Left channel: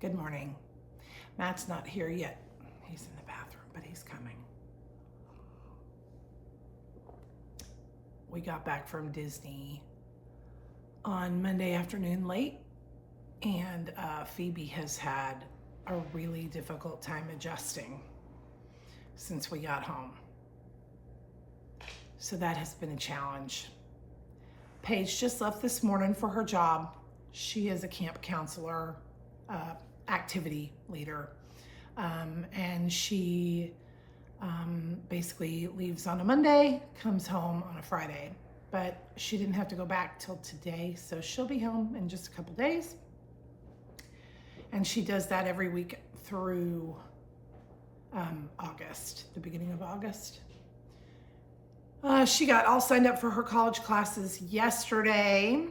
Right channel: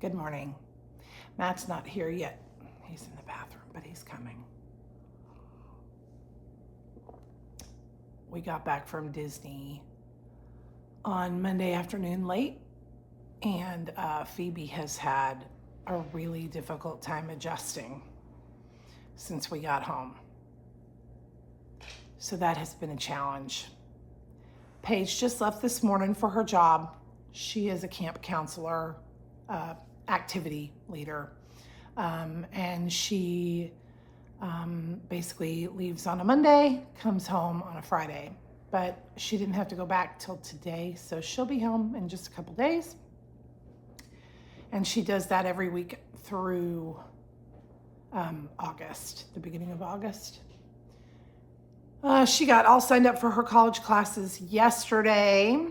Good morning. Matt's not here yet. He's in the bathroom, but he's coming. We got back from Disney on Monday afternoon late, and Phoebe has had a really difficult time adjusting since we got home. So that has been a challenge. Paige just left this morning for her job. She is a camp counselor, activity leader, and she basically leaves on a Monday, comes home on a Friday, but she didn't have to go back till today, so she'll be home in just a couple days. And she does that every week through August, the beginning of August. She got all signed up for her college classes yesterday.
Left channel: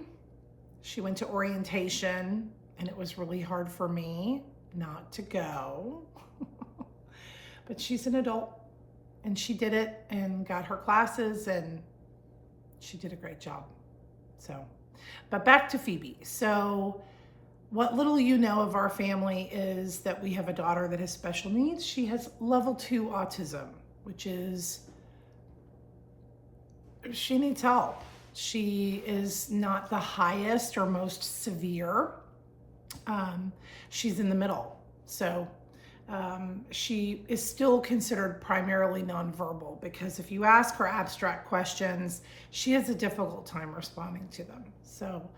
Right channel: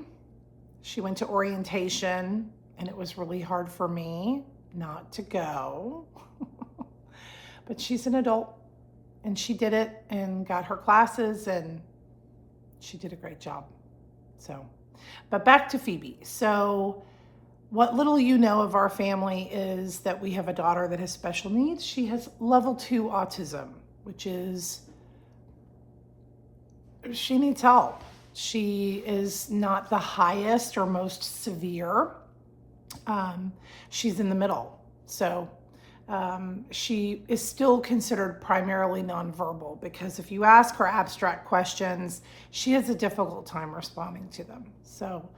She went to orientation, and it was really hard for me not to go. But she's an adult, and she did it and got her classes, and she did a great job. But back to Phoebe. So what little you know of our family is that we have a daughter that has special needs. She has level 2 autism, which is, she needs help. She is not the highest or most severe. She's in the middle. So she is still considered primarily nonverbal, because if you ask her abstract questions, she has a difficult time responding to them. So,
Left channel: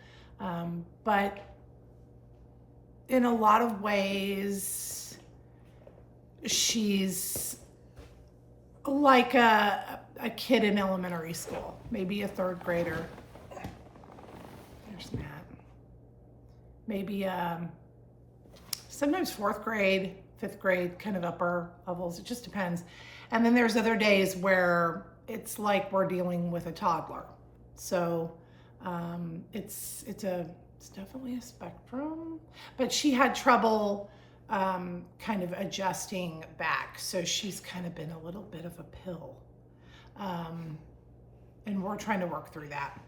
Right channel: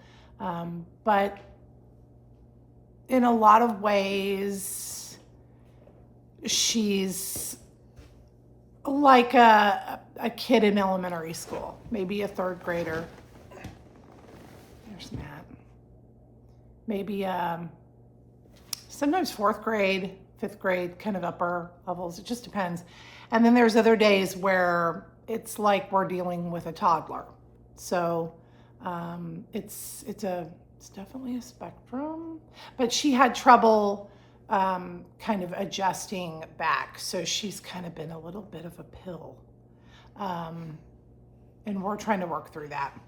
but in a lot of ways, she's like a kid in elementary school, maybe a 3rd grader. There's Matt. Maybe sometimes 4th grade, 5th grade, kind of upper levels. It just depends. And then there's other days where it's like we're dealing with a toddler. So it's definitely a spectrum. But she had trouble kind of adjusting back. So she's kind of been a little bit of a pill. And we're trying to work through that.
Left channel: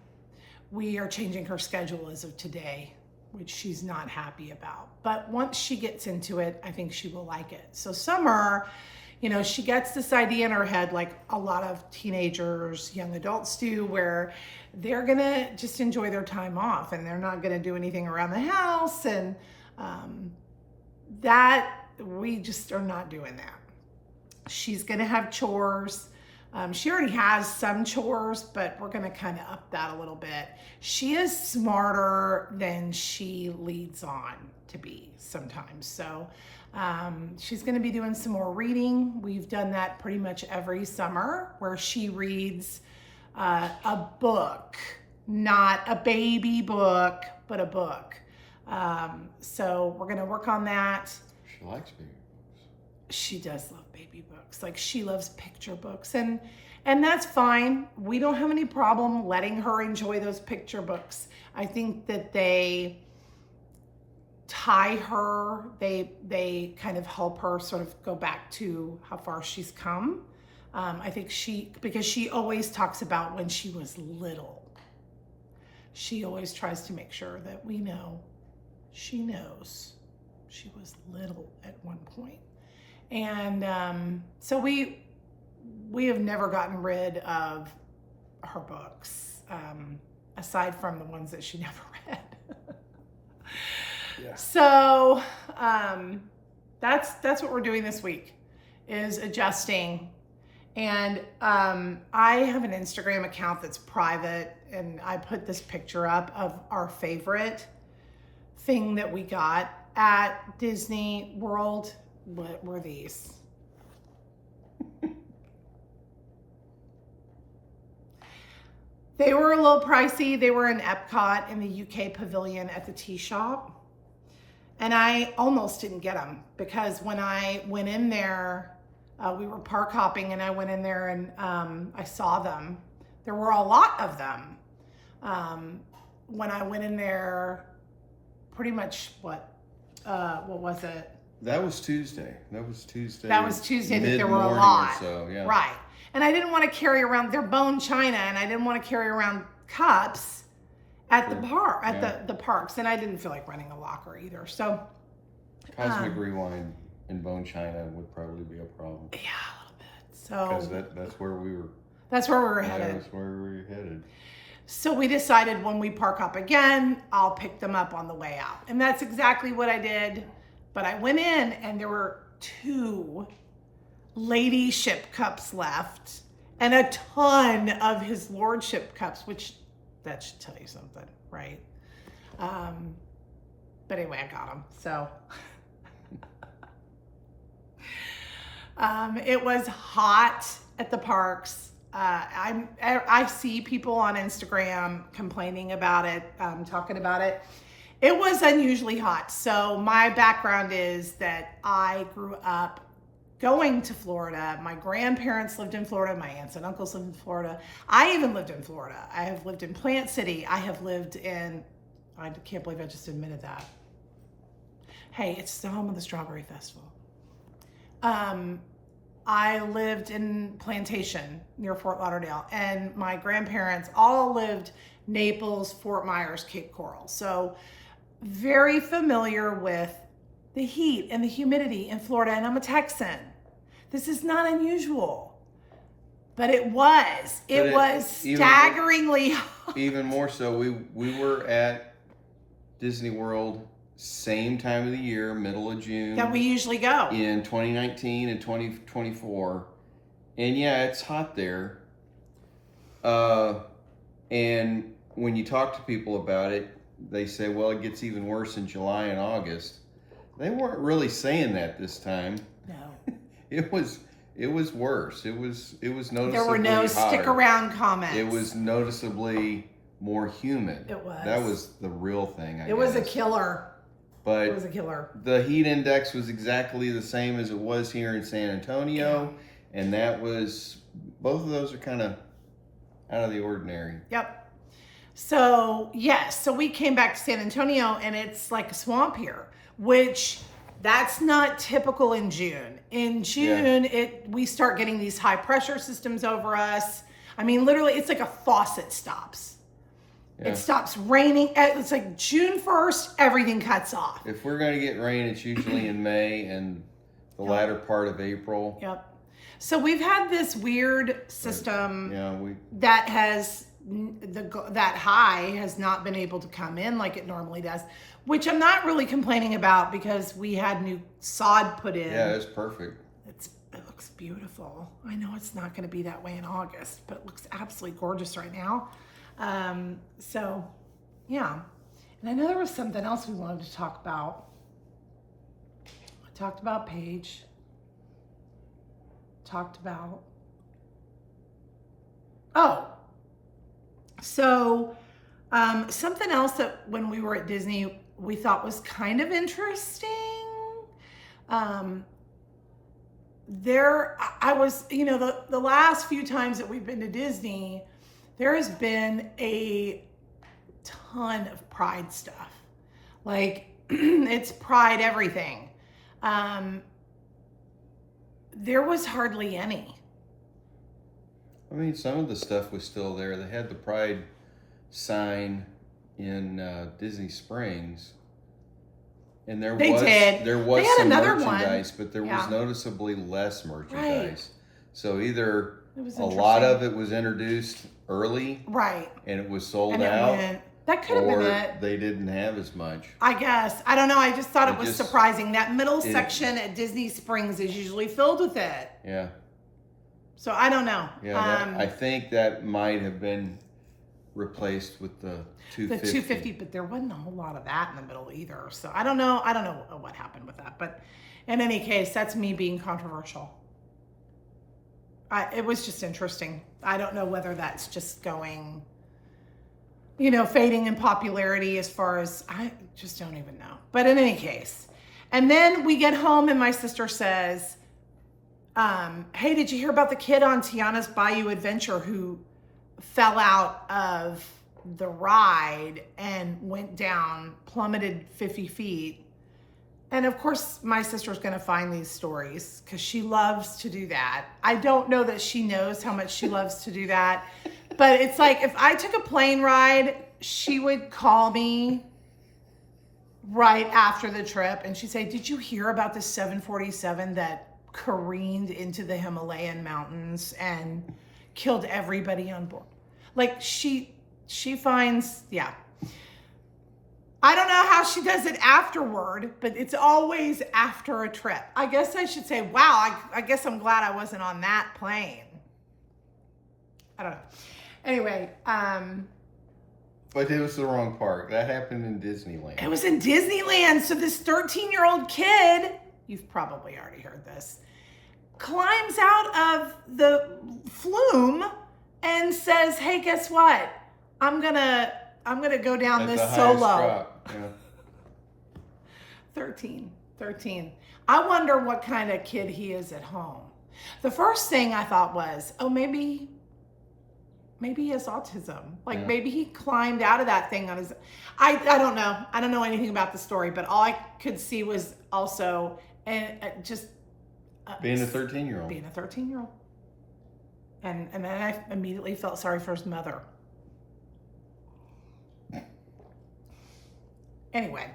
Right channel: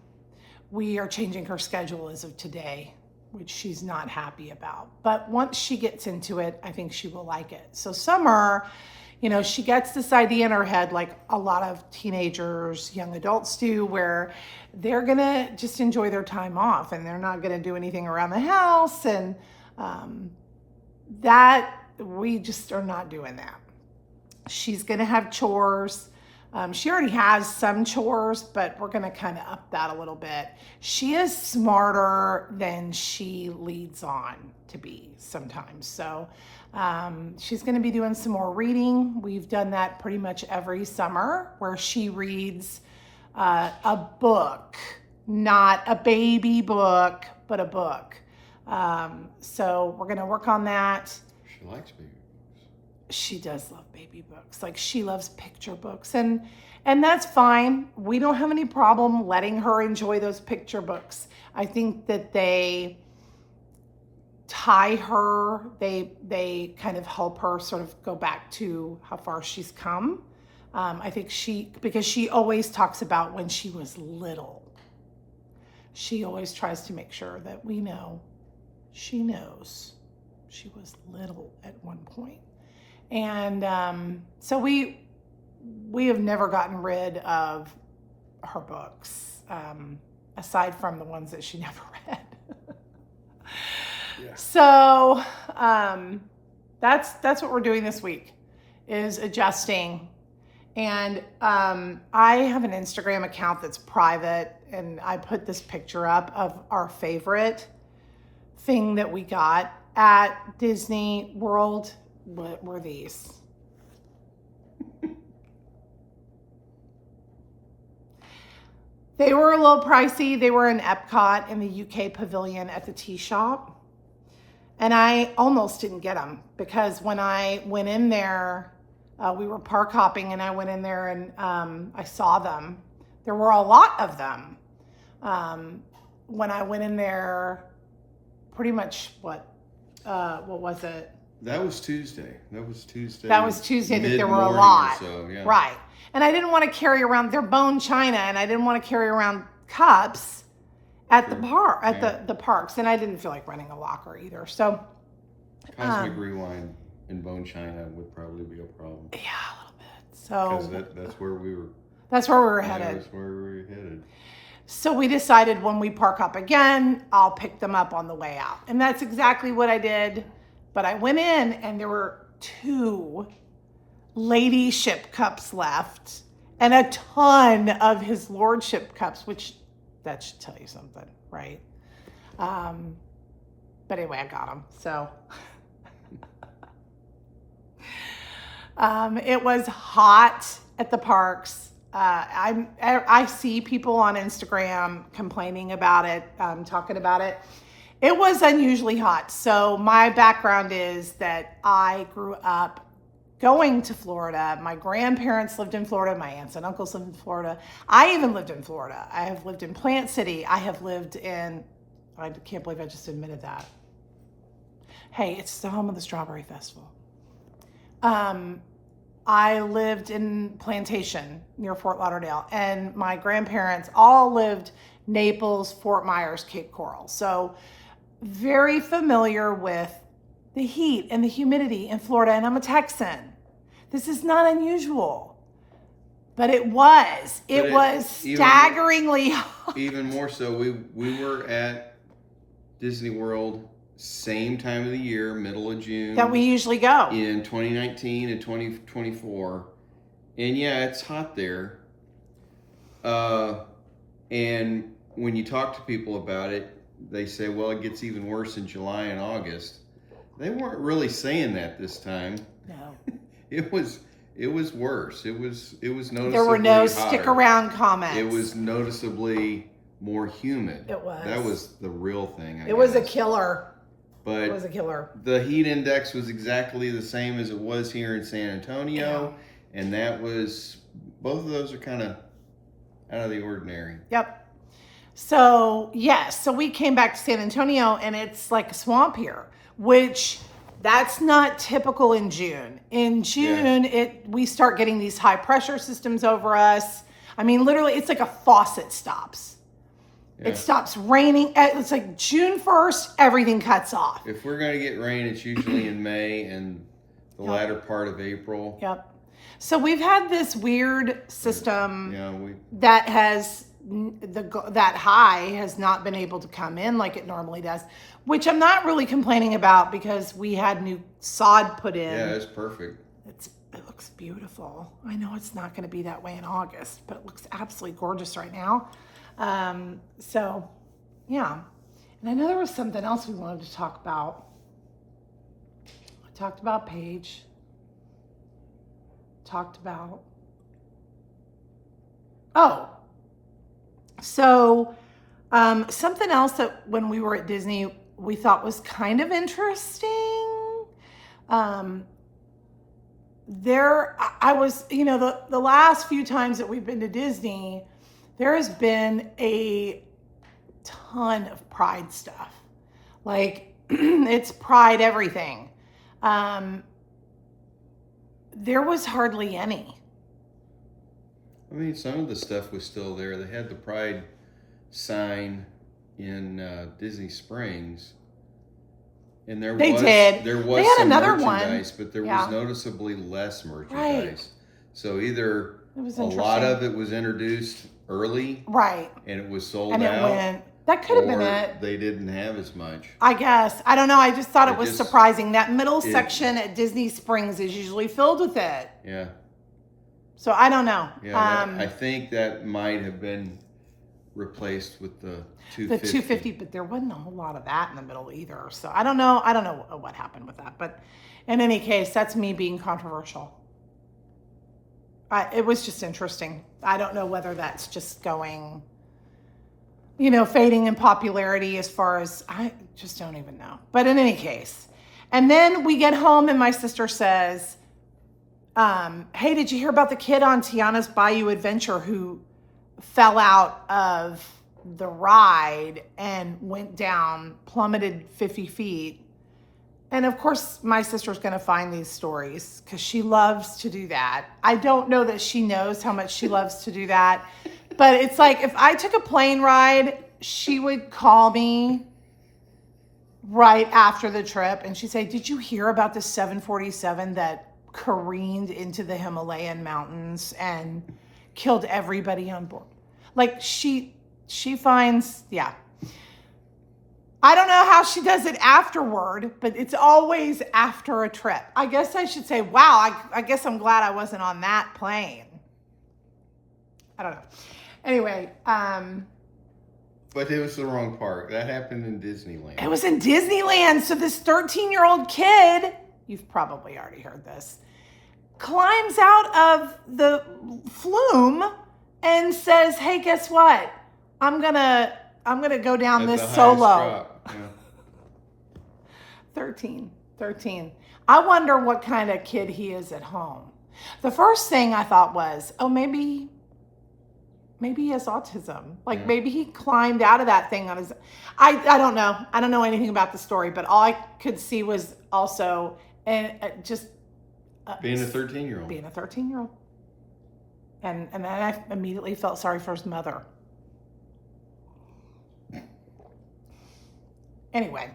We are changing her schedule as of today, which she's not happy about. But once she gets into it, I think she will like it. So summer, she gets this idea in her head, like a lot of teenagers, young adults do, where they're gonna just enjoy their time off and they're not gonna do anything around the house. And that we just are not doing that. She's gonna have chores. She already has some chores, but we're gonna kind of up that a little bit. She is smarter than she leads on to be sometimes. So she's gonna be doing some more reading. We've done that pretty much every summer, where she reads a book, not a baby book, but a book. So we're gonna work on that. She likes baby books. She does love baby books. Like, she loves picture books, and that's fine. We don't have any problem letting her enjoy those picture books. I think that they tie her, they kind of help her sort of go back to how far she's come. I think because she always talks about when she was little. She always tries to make sure that we know she knows she was little at one point. And so we have never gotten rid of her books, aside from the ones that she never read. Yeah. So that's what we're doing this week, is adjusting. And I have an Instagram account that's private, and I put this picture up of our favorite thing that we got at Disney World. What were these? They were a little pricey. They were in Epcot in the UK pavilion at the tea shop. And I almost didn't get them, because when I went in there, we were park hopping, and I went in there and I saw them. There were a lot of them. When I went in there, pretty much what was it? That was Tuesday. I think there were a lot. So, yeah. Right. And I didn't want to carry around their bone china, and I didn't want to carry around cups at the park, the parks. And I didn't feel like running a locker either. So Cosmic Rewind in Bone China would probably be a problem. Yeah, a little bit. So Because that's where we were. that's where we were Yeah, headed. that's where we were headed. So we decided when we park up again, I'll pick them up on the way out. And that's exactly what I did. But I went in and there were 2 ladyship cups left and a ton of his lordship cups, which that should tell you something, right? But anyway, I got them. So it was hot at the parks. I see people on Instagram complaining about it, talking about it. It was unusually hot. So my background is that I grew up going to Florida. My grandparents lived in Florida. My aunts and uncles lived in Florida. I even lived in Florida. I have lived in Plant City. I have lived in, I can't believe I just admitted that. Hey, it's the home of the Strawberry Festival. I lived in Plantation near Fort Lauderdale, and my grandparents all lived Naples, Fort Myers, Cape Coral. So very familiar with the heat and the humidity in Florida, and I'm a Texan. This is not unusual, but it was. It was staggeringly hot. Even more so, we were at Disney World same time of the year, middle of June. That we usually go. In 2019 and 2024. And yeah, it's hot there. And when you talk to people about it, they say, well, it gets even worse in July and August. They weren't really saying that this time. No. It was worse. It was noticeably There were no hotter. stick around comments. It was noticeably more humid. It was. That was the real thing, I It was a guess. killer. But It was a killer. the heat index was exactly the same as it was here in San Antonio. And that was, both of those are kind of out of the ordinary. Yep. So, yes. So we came back to San Antonio and it's like a swamp here, which that's not typical in June. In June, we start getting these high pressure systems over us. I mean, literally, it's like a faucet stops. Yeah. It stops raining. It's like June 1st, everything cuts off. If we're going to get rain, it's usually in May and the latter part of April. Yep. So we've had this weird system Yeah, that has that high has not been able to come in like it normally does, which I'm not really complaining about because we had new sod put in. yeah, it's perfect. It looks beautiful. I know it's not going to be that way in August, but it looks absolutely gorgeous right now. So, yeah. And I know there was something else we wanted to talk about. I talked about Paige. Talked about... Oh. So, something else that when we were at Disney, we thought was kind of interesting. I was, the last few times that we've been to Disney, there has been a ton of Pride stuff. Like, it's Pride everything. There was hardly any. I mean, some of the stuff was still there. They had the Pride sign in Disney Springs. And there was had some another merchandise, one. but there Yeah. was noticeably less merchandise. Right. So either It was a lot interesting. of it was introduced early Right. and it was sold And it out, went. That could have been or it. they didn't have as much. I guess. I don't know. I just thought it was just- surprising. That middle section at Disney Springs is usually filled with it. Yeah. So I don't know. Yeah, I think that might have been replaced with the The 250. 250, but there wasn't a whole lot of that in the middle either. So I don't know. I don't know what happened with that. But in any case, that's me being controversial. It was just interesting. I don't know whether that's just going, fading in popularity as far as, I just don't even know. But in any case. And then we get home and my sister says, hey, did you hear about the kid on Tiana's Bayou Adventure who fell out of the ride and went down, plummeted 50 feet? And of course, my sister's going to find these stories because she loves to do that. I don't know that she knows how much she loves to do that. But it's like if I took a plane ride, she would call me right after the trip, and she'd say, "Did you hear about the 747 that careened into the Himalayan mountains and killed everybody on board?" Like she finds, yeah. I don't know how she does it afterward, but it's always after a trip. I guess I should say, wow, I guess I'm glad I wasn't on that plane. I don't know. Anyway, But it was the wrong park. That happened in Disneyland. it was in Disneyland. So this 13-year-old kid, you've probably already heard this, climbs out of the flume and says, "Hey, guess what? I'm gonna go down At this the highest solo." drop, yeah. 13. I wonder what kind of kid he is at home. The first thing I thought was, oh, maybe he has autism. Like Yeah. maybe he climbed out of that thing on his. I don't know. I don't know anything about the story, but all I could see was also just Being a 13-year-old. being a 13-year-old. And then I immediately felt sorry for his mother. Anyway,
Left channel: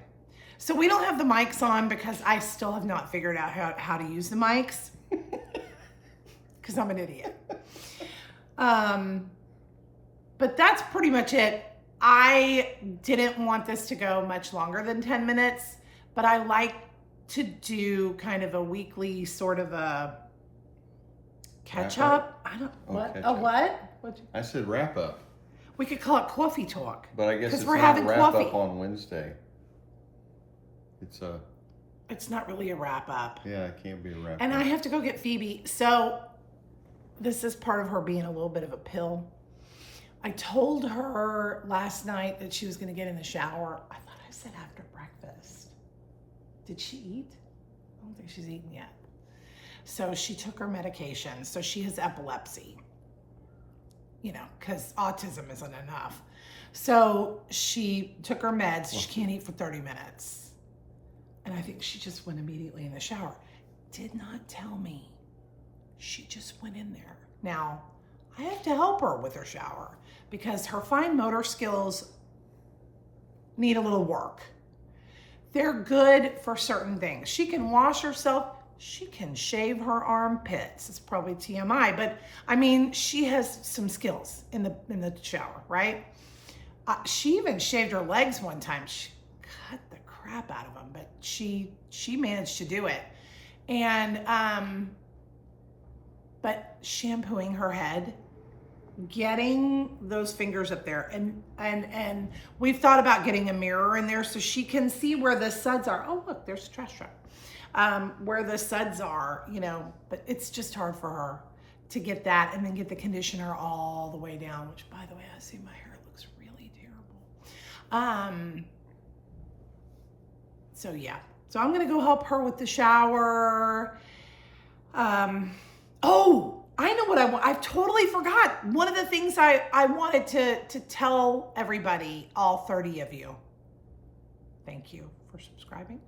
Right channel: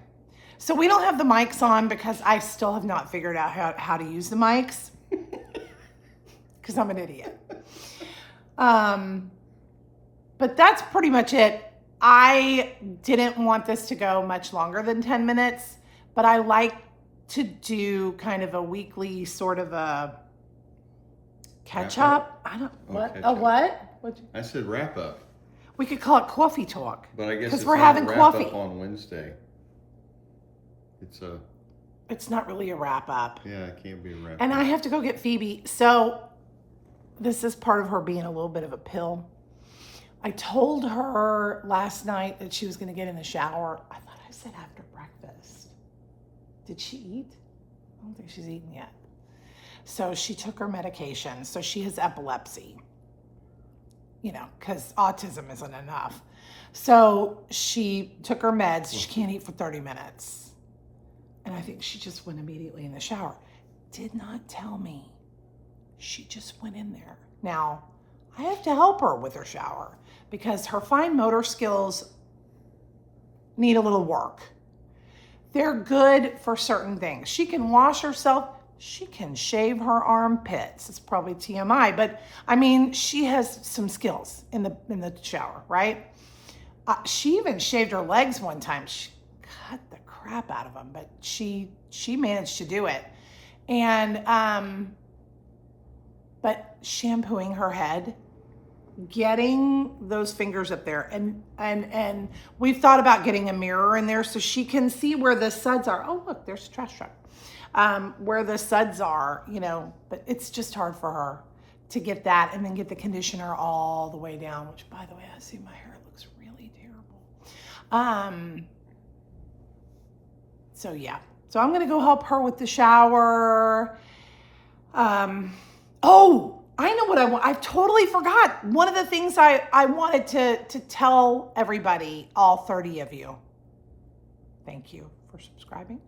so we don't have the mics on because I still have not figured out how to use the mics because I'm an idiot. But that's pretty much it. I didn't want this to go much longer than 10 minutes, but I like to do kind of a weekly sort of a catch up. I don't, what? catch A up. what? I said wrap up, We could call it coffee talk. but I guess 'Cause it's we're not having a wrap coffee. up on Wednesday. It's not really a wrap up. Yeah, it can't be a wrap And up. I have to go get Phoebe. So this is part of her being a little bit of a pill. I told her last night that she was going to get in the shower. I thought I said after breakfast. Did she eat? I don't think she's eaten yet. So she took her medication. So she has epilepsy, because autism isn't enough. So she took her meds. She can't eat for 30 minutes. And I think she just went immediately in the shower. Did not tell me. She just went in there. Now, I have to help her with her shower because her fine motor skills need a little work. They're good for certain things. She can wash herself. She can shave her armpits. It's probably TMI, but I mean, she has some skills in the shower, right? She even shaved her legs one time. She cut the crap out of them, but she managed to do it. And but shampooing her head, getting those fingers up there, and we've thought about getting a mirror in there so she can see where the suds are. Oh, look, there's a trash truck. Where the suds are, but it's just hard for her to get that and then get the conditioner all the way down, which, by the way, I see my hair looks really terrible. So yeah, so I'm gonna go help her with the shower. Oh, I know what I want. I totally forgot. One of the things I wanted to tell everybody, all 30 of you. Thank you for subscribing.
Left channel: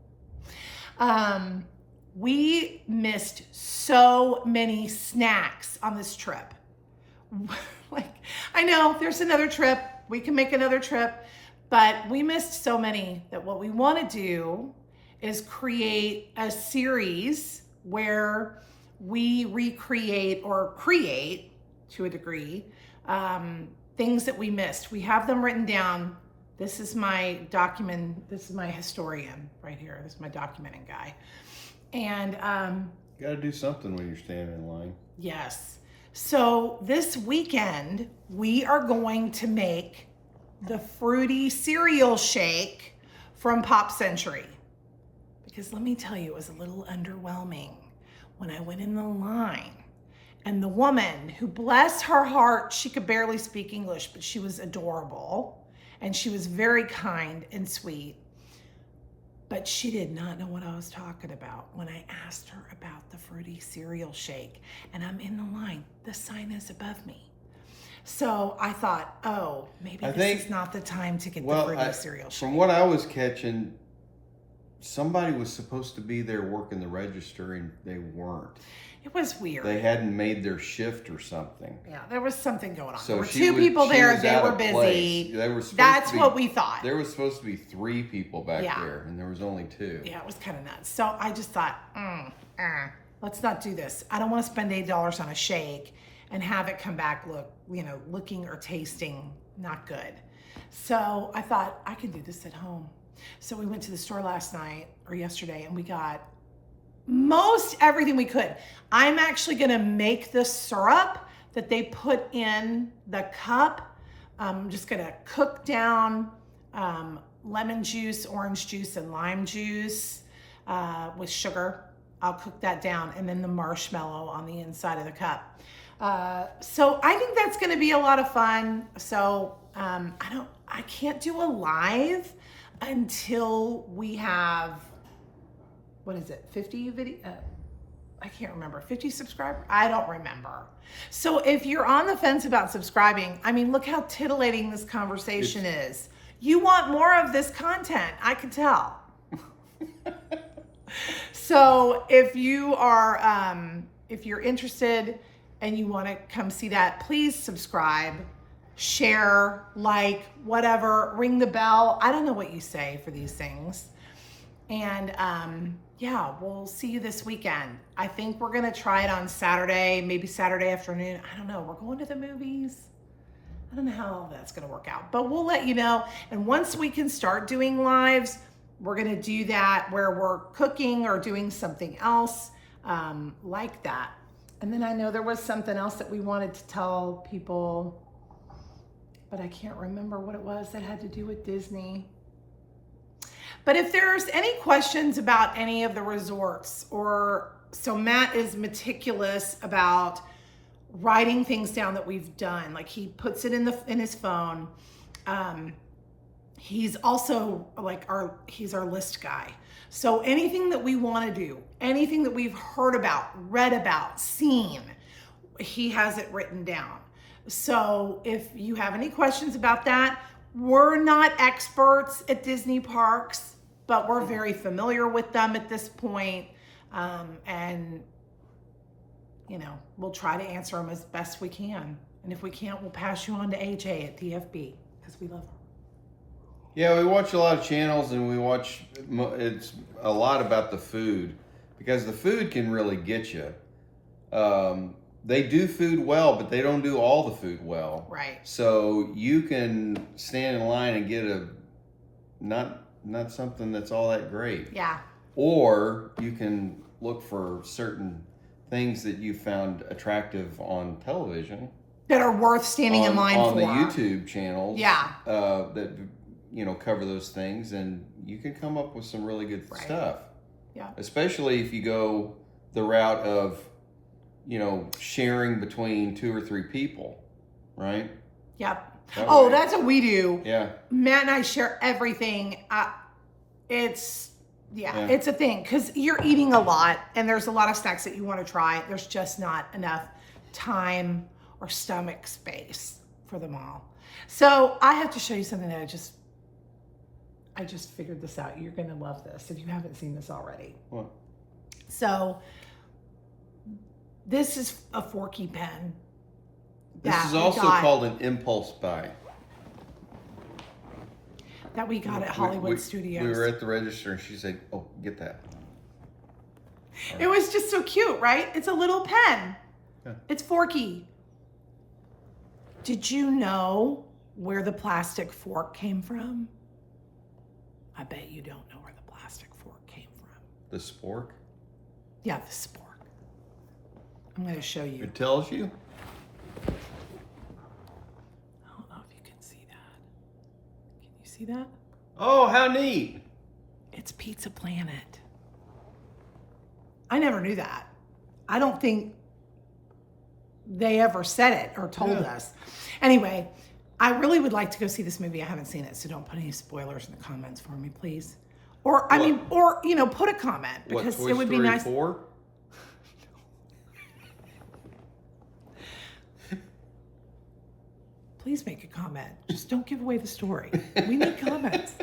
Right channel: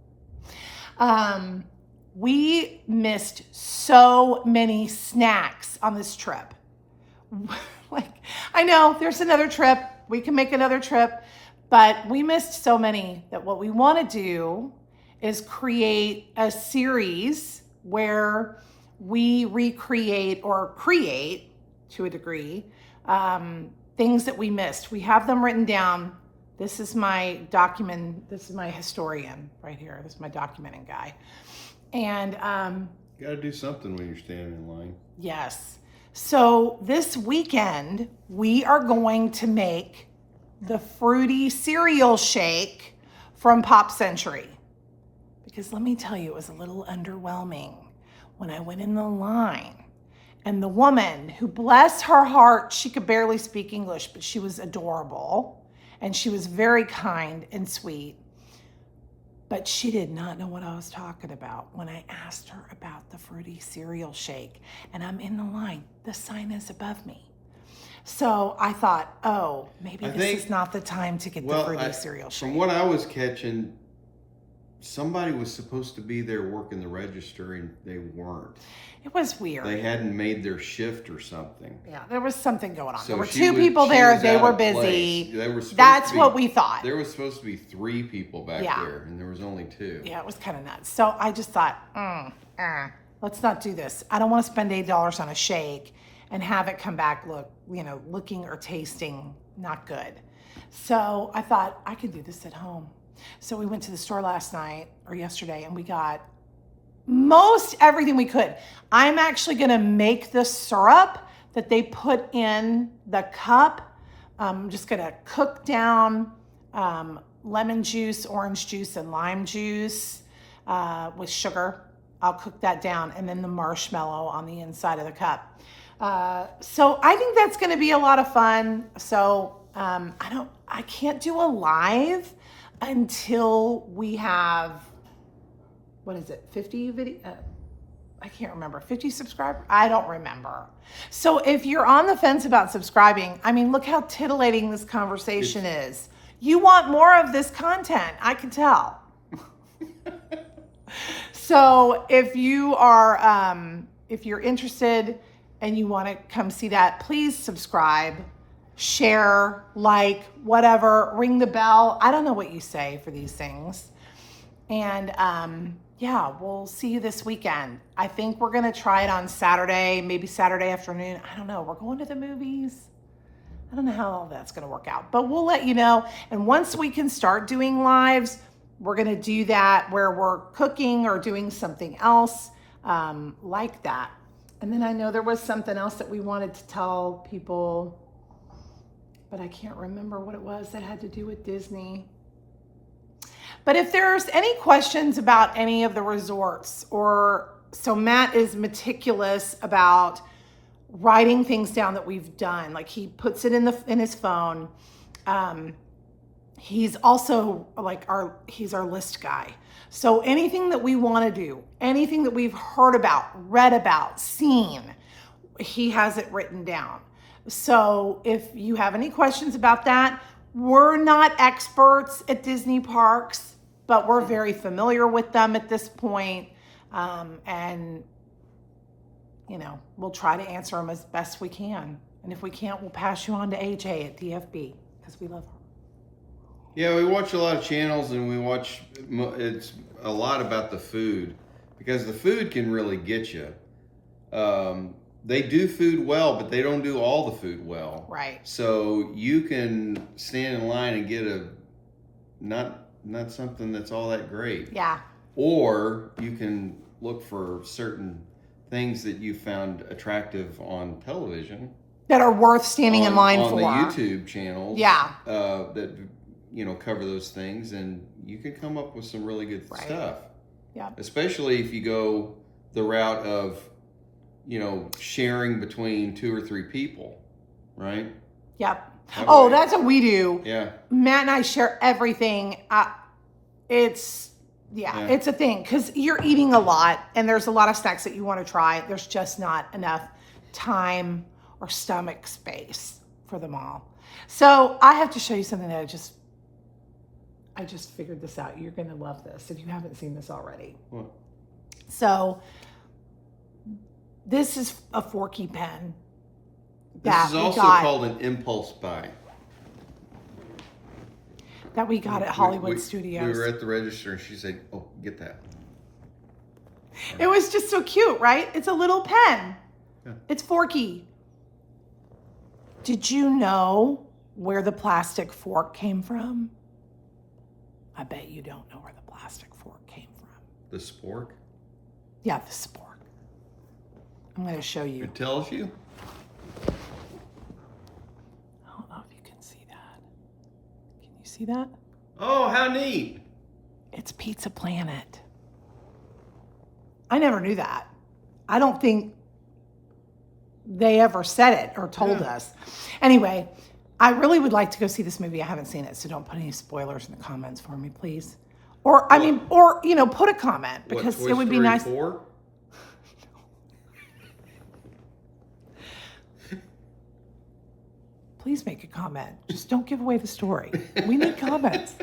We missed so many snacks on this trip. I know there's another trip. We can make another trip, but we missed so many that what we want to do is create a series where we recreate or create, to a degree, things that we missed. We have them written down. This is my document. This is my historian right here. This is my documenting guy. And You got to do something when you're standing in line. yes. So this weekend, we are going to make the fruity cereal shake from Pop Century. Because let me tell you, it was a little underwhelming when I went in the line. And the woman, who, bless her heart, she could barely speak English, but she was adorable. And she was very kind and sweet. But she did not know what I was talking about when I asked her about the fruity cereal shake. And I'm in the line. The sign is above me. So I thought, oh, maybe this is not the time to get the fruity cereal shake. From what I was catching, somebody was supposed to be there working the register and they weren't. It was weird. They hadn't made their shift or something. Yeah, there was something going on. So There were she two was- people she there. was They out were of busy. place. They were supposed That's to be, what we thought. There was supposed to be 3 people back Yeah. there, and there was only 2. Yeah, it was kind of nuts. So I just thought, let's not do this. I don't want to spend $8 on a shake and have it come back looking or tasting not good. So I thought I could do this at home. So we went to the store last night or yesterday and we got most everything we could. I'm actually going to make the syrup that they put in the cup. I'm just going to cook down lemon juice, orange juice, and lime juice with sugar. I'll cook that down, and then the marshmallow on the inside of the cup. So I think that's going to be a lot of fun. So I can't do a live until we have, what is it, 50 video? I can't remember, 50 subscribers? I don't remember. So if you're on the fence about subscribing, I mean, look how titillating this conversation is. You want more of this content, I can tell. So if you are, if you're interested and you want to come see that, please subscribe, share, like, whatever, ring the bell. I don't know what you say for these things. And yeah, we'll see you this weekend. I think we're going to try it on Saturday, maybe Saturday afternoon. I don't know. We're going to the movies. I don't know how all that's going to work out, but we'll let you know. And once we can start doing lives, we're going to do that where we're cooking or doing something else like that. And then I know there was something else that we wanted to tell people, but I can't remember what it was that had to do with Disney. But if there's any questions about any of the resorts, so Matt is meticulous about writing things down that we've done. Like he puts it in his phone. He's also he's our list guy. So anything that we want to do, anything that we've heard about, read about, seen, he has it written down. So if you have any questions about that, we're not experts at Disney parks, but we're very familiar with them at this point. And, we'll try to answer them as best we can. And if we can't, we'll pass you on to AJ at DFB because we love her. Yeah, we watch a lot of channels and it's a lot about the food because the food can really get you. They do food well, but they don't do all the food well. Right. So you can stand in line and get not something that's all that great. Yeah. Or you can look for certain things that you found attractive on television. That are worth standing in line on for. On the YouTube channels. Yeah. That, cover those things, and you can come up with some really good stuff. Yeah. Especially if you go the route of, sharing between 2 or 3 people, right? Yep. That that's what we do. Yeah. Matt and I share everything. It's a thing because you're eating a lot and there's a lot of snacks that you want to try. There's just not enough time or stomach space for them all. So I have to show you something that I just figured this out. You're going to love this if you haven't seen this already. What? So this is a Forky pen. This is also called an impulse buy. That we got at Hollywood Studios. We were at the register and she said, "Oh, get that." It was just so cute, right? It's a little pen. Yeah. It's Forky. Did you know where the plastic fork came from? I bet you don't know where the plastic fork came from. The spork? Yeah, the spork. I'm going to show you. It tells you? I don't know if you can see that. Can you see that? Oh, how neat. It's Pizza Planet. I never knew that. I don't think they ever said it or told us. Anyway, I really would like to go see this movie. I haven't seen it, so don't put any spoilers in the comments for me, please. Or put a comment because it would be nice. 4? Please make a comment. Just don't give away the story. We need comments.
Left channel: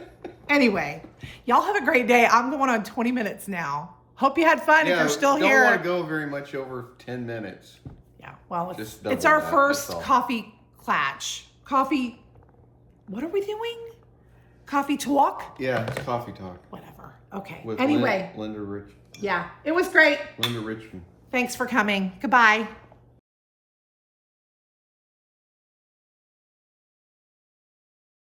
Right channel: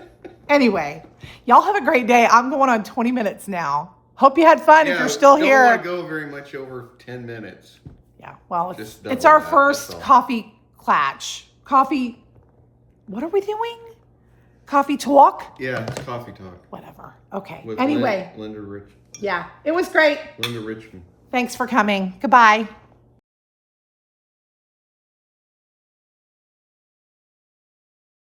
Anyway, y'all have a great day. I'm going on 20 minutes now. Hope you had fun. If you're still don't here. want to go very much over 10 minutes. Yeah, well, Just it's double our that, first that's all. coffee clatch. Coffee, what are we doing? Coffee talk? Yeah, it's coffee talk. Whatever. Okay. With Anyway, Linda yeah, it was great. Richmond. Thanks for coming. Goodbye.